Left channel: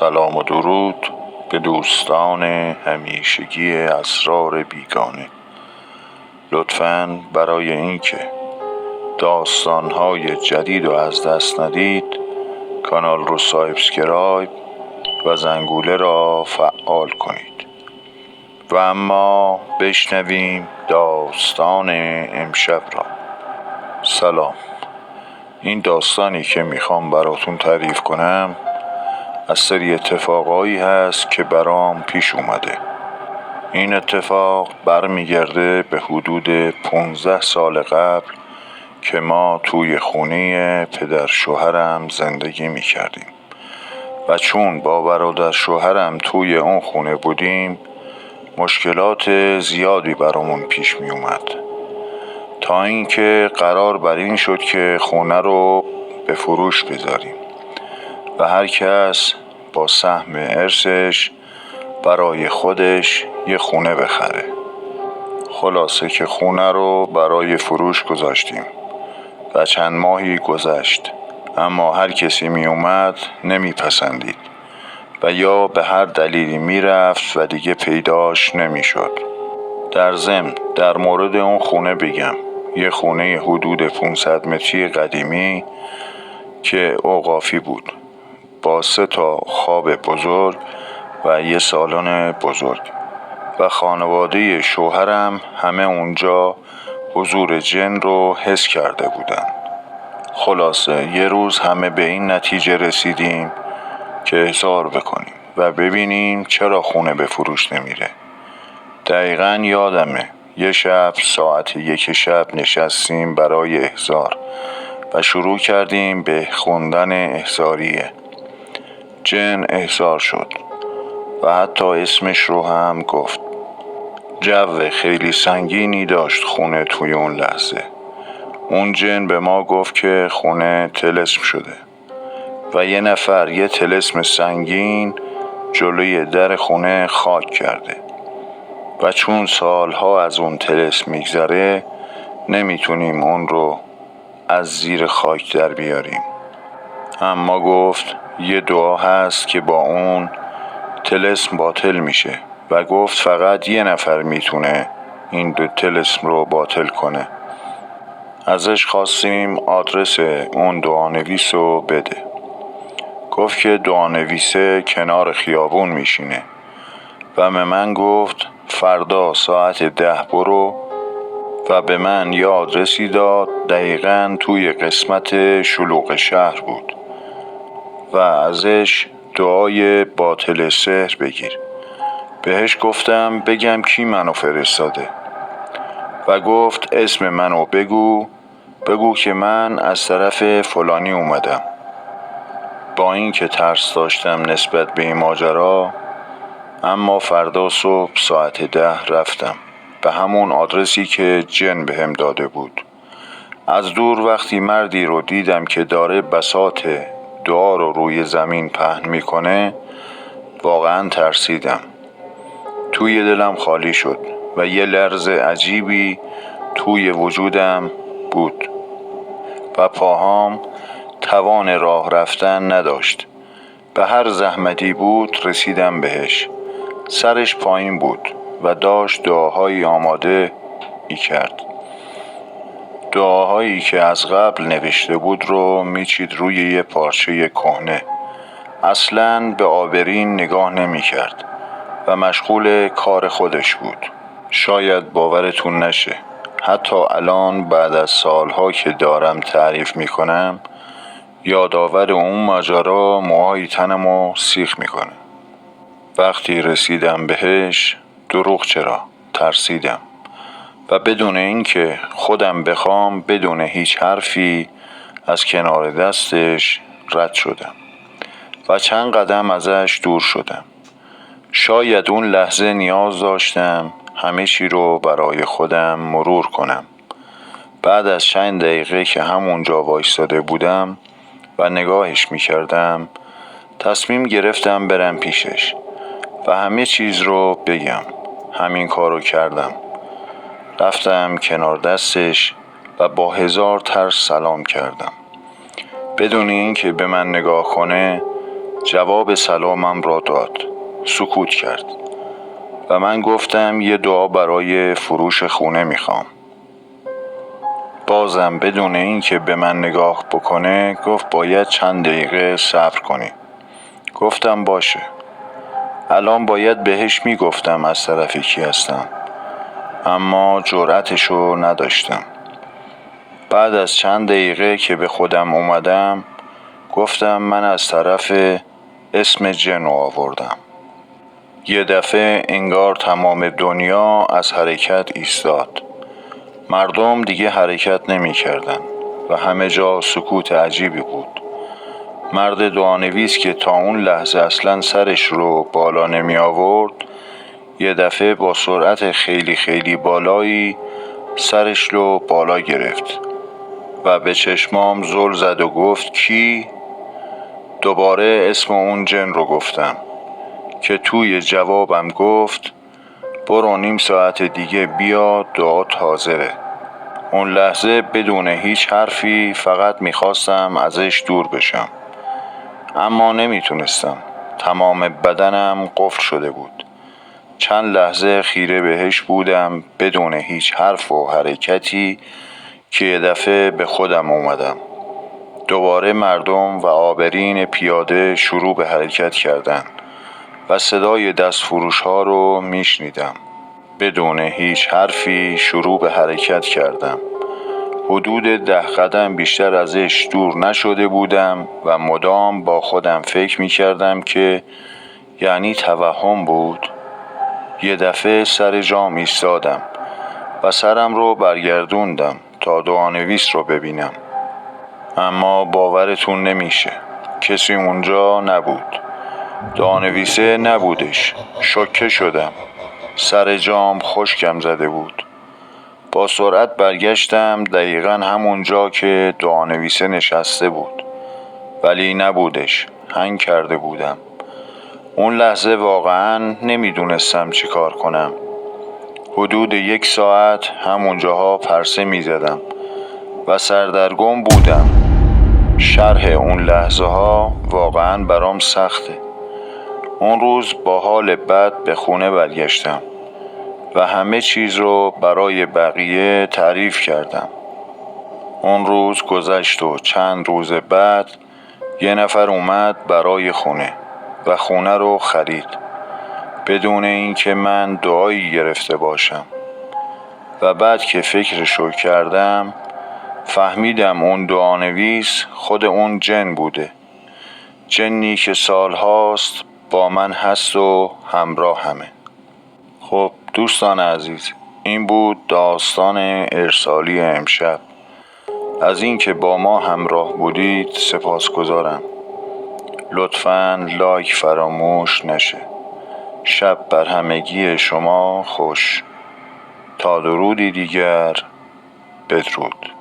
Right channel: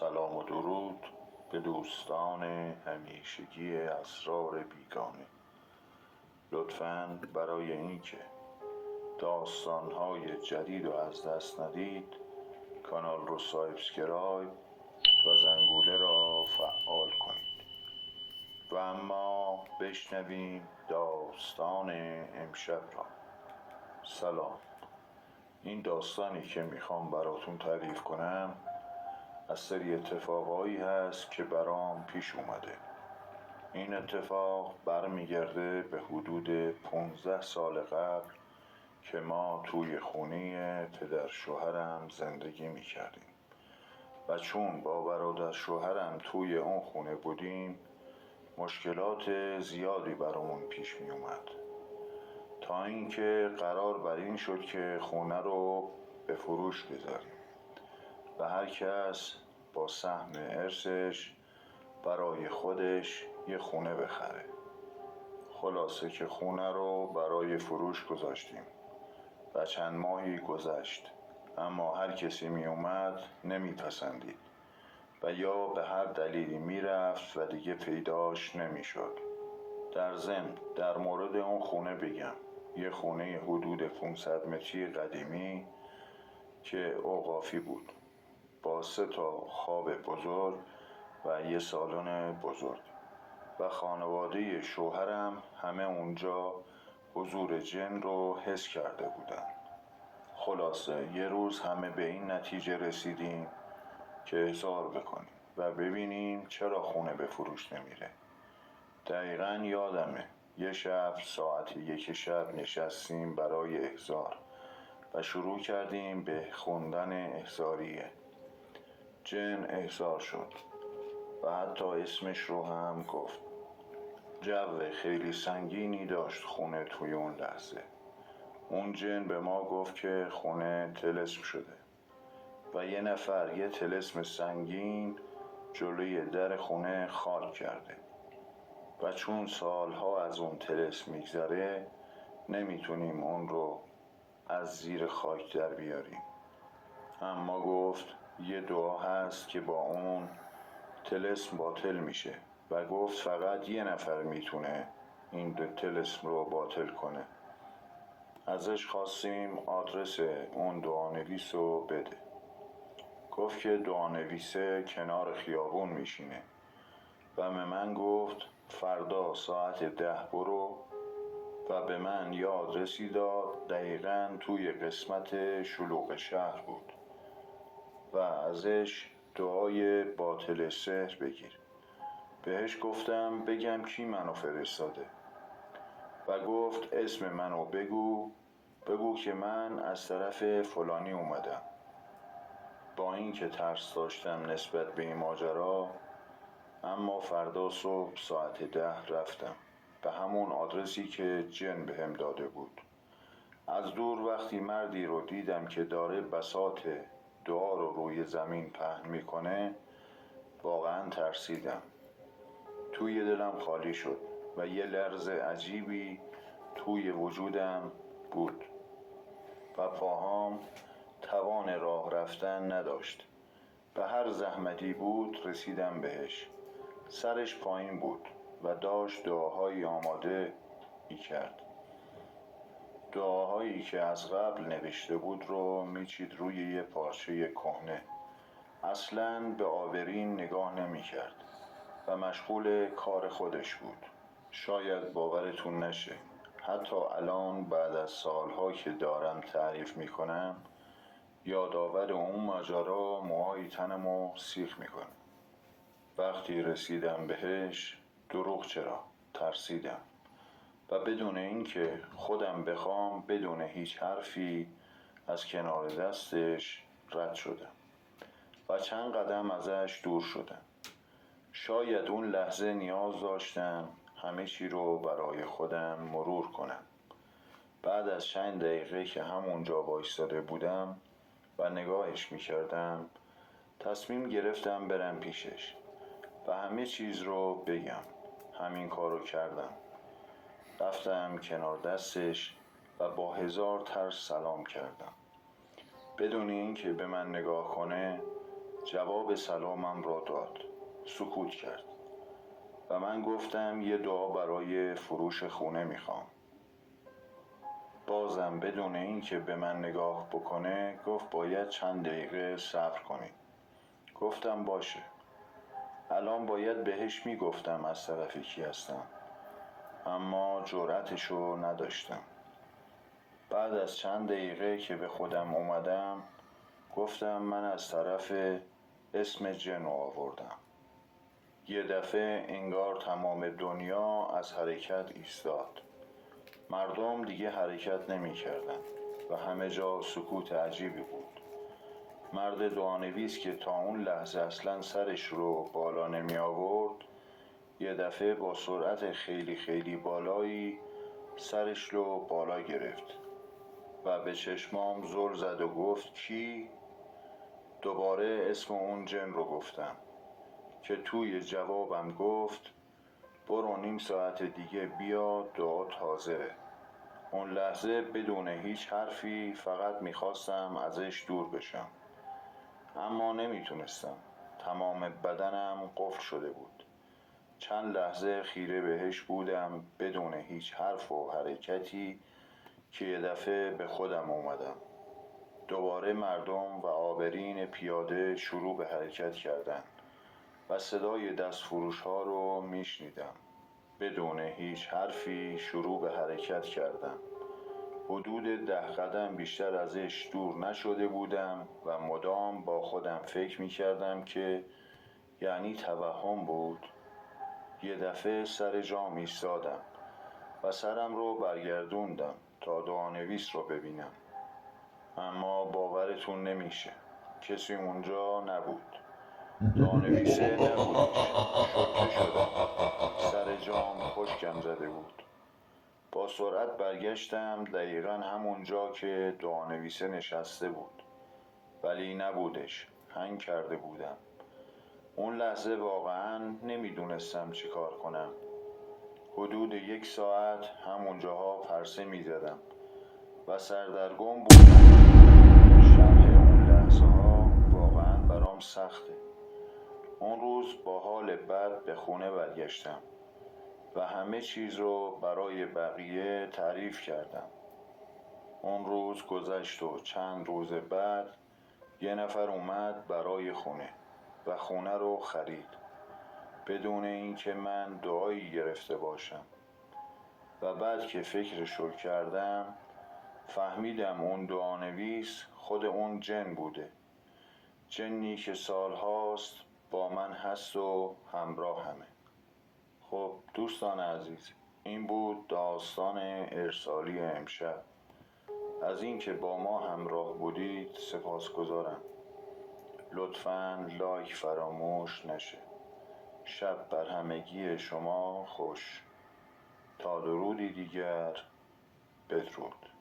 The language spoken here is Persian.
سلام و درود به دوستان همیشگی اسرار بیگانه. لطفاً برای اینکه داستان‌های جدید رو از دست ندید کانال رو سابسکرایب و زنگوله را فعال کنید. و اما بشنویم داستان امشب را. سلام. این داستانی که میخوام براتون تعریف کنم از سری اتفاقایی هست که برام پیش اومده. این اتفاق برمیگرده به حدود 15 سال قبل که ما توی خونه پدر شوهرم زندگی میکردیم و چون با برادر شوهرم توی اون خونه بودیم مشکلات زیادی برامون پیش می اومد، تا اینکه قرار بر این شد که خونه رو به فروش بذاریم و هر کس با سهم ارثش برای خودش یه خونه بخره. خلاصه که خونه رو برای فروش گذاشتیم و چند ماهی گذشت، اما هر کسی می اومد نمی پسندید و یا به هر دلیلی می رفت و دیگه پیداش نمی شد. در ضمن در مورد اون خونه بگم، یه خونه حدود 500 متری قدیمی که اوقافی بود با 3 خواب بزرگ و یه سالن بزرگ و خانواده شوهرم همه اونجا حضور جن رو حس کرده بودن. خلاصه یه روز همه به این نتیجه رسیدیم که احضار بکنیم و ببینیم چرا خونه به فروش نمیره. دقیقاً یادمه یه شب ساعت 1 شب نشستیم برای احضار و شروع کردیم به خوندن احضاریه. جن احضار شد و حتی اسمش رو هم گفت. جو خیلی سنگینی داشت خونه توی اون لحظه. اون جن به ما گفت که خونه طلسم شده و یه نفر یه طلسم سنگین جلوی در خونه خاک کرده و چون سالها از اون طلسم میگذره نمیتونیم اون رو از زیر خاک در بیاریم. اما گفت یه دعا هست که با اون طلسم باطل میشه و گفت فقط یه نفر میتونه این 2 طلسم رو باطل کنه. ازش خواستیم آدرس اون دعانویس رو بده. گفت که دعانویسه کنار خیابون میشینه و به من گفت فردا ساعت 10 برو و به من یه آدرسی داد دقیقاً توی قسمت شلوغ شهر بود و ازش دعای باطل سحر بگیر. بهش گفتم بگم کی منو فرستاده و گفت اسم منو بگو که من از طرف فلانی اومدم. با این که ترس داشتم نسبت به این ماجرا، اما فردا صبح ساعت 10 رفتم به همون آدرسی که جن بهم داده بود. از دور وقتی مردی رو دیدم که داره بساط دعا رو روی زمین پهن میکنه واقعا ترسیدم. توی دلم خالی شد و یه لرز عجیبی توی وجودم بود و پاهام توان راه رفتن نداشت. به هر زحمتی بود رسیدم بهش. سرش پایین بود و داشت دعاهایی آماده کرد. دعاهایی که از قبل نوشته بود رو میچید روی یه پارچه کهنه. اصلاً به آبرین نگاه نمی کرد و مشغول کار خودش بود. شاید باورتون نشه، حتی الان بعد از سالها که دارم تعریف میکنم یادآور اون ماجرا موهای تنمو سیخ میکنه. وقتی رسیدم بهش دروغ چرا ترسیدم و بدون اینکه خودم بخوام بدون هیچ حرفی از کنار دستش رد شدم و چند قدم ازش دور شدم. شاید اون لحظه نیاز داشتم همه چی رو برای خودم مرور کنم. بعد از چند دقیقه که همونجا وایستاده بودم و نگاهش میکردم تصمیم گرفتم برم پیشش و همه چیز رو بگم. همین کارو کردم. رفتم کنار دستش و با 1000 ترس سلام کردم. بدون اینکه به من نگاه کنه جواب سلامم را داد. سکوت کرد و من گفتم یه دعا برای فروش خونه میخوام. بازم بدون اینکه به من نگاه بکنه گفت باید چند دقیقه صبر کنی. گفتم باشه. الان باید بهش میگفتم از طرف کی هستم، اما جرأتشو نداشتم. بعد از چند دقیقه که به خودم اومدم گفتم من از طرف اسم جن آوردم. یه دفعه انگار تمام دنیا از حرکت ایستاد. مردم دیگه حرکت نمی کردن و همه جا سکوت عجیبی بود. مرد دعانویس که تا اون لحظه اصلا سرش رو بالا نمی آورد یه دفعه با سرعت خیلی خیلی بالایی سرش رو بالا گرفت و به چشمام زل زد و گفت کی؟ دوباره اسم اون جن رو گفتم که توی جوابم گفت برو نیم ساعت دیگه بیا، دعات حاضره. اون لحظه بدون هیچ حرفی فقط میخواستم ازش دور بشم، اما نمیتونستم. تمام بدنم قفل شده بود. چند لحظه خیره بهش بودم بدون هیچ حرف و حرکتی که یه دفعه به خودم اومدم. دوباره مردم و آبرین پیاده شروع به حرکت کردن و صدای دستفروش ها رو میشنیدم. بدون هیچ حرفی شروع به حرکت کردم. حدود 10 قدم بیشتر ازش دور نشده بودم و مدام با خودم فکر میکردم که یعنی توهم بود. یه دفعه سر جام ایستادم و سرم رو برگردوندم تا دعانویس رو ببینم، اما باورتون نمیشه کسی اونجا نبود. دعانویسه نبودش. شوکه شدم. سر جام خشکم زده بود. با سرعت برگشتم دقیقاً همونجا که دعانویسه نشسته بود، ولی نبودش. هنگ کرده بودم. اون لحظه واقعاً نمیدونستم چی کار کنم. حدود 1 ساعت همونجاها پرسه میزدم و سردرگم بودم. شرح اون لحظه ها واقعاً برام سخته. اون روز با حال بد به خونه برگشتم و همه چیز رو برای بقیه تعریف کردم. اون روز گذشت و چند روز بعد یه نفر اومد برای خونه و خونه رو خرید بدون اینکه من دعایی گرفته باشم. و بعد که فکرشو کردم فهمیدم اون دعانویس خود اون جن بوده. جنی که سالهاست با من هست و همراه همه. خب دوستان عزیز، این بود داستان ارسالی امشب. از اینکه با ما همراه بودید سپاسگزارم. لطفاً لایک فراموش نشه. شب بر همگی شما خوش. تا درودی دیگر، بدرود.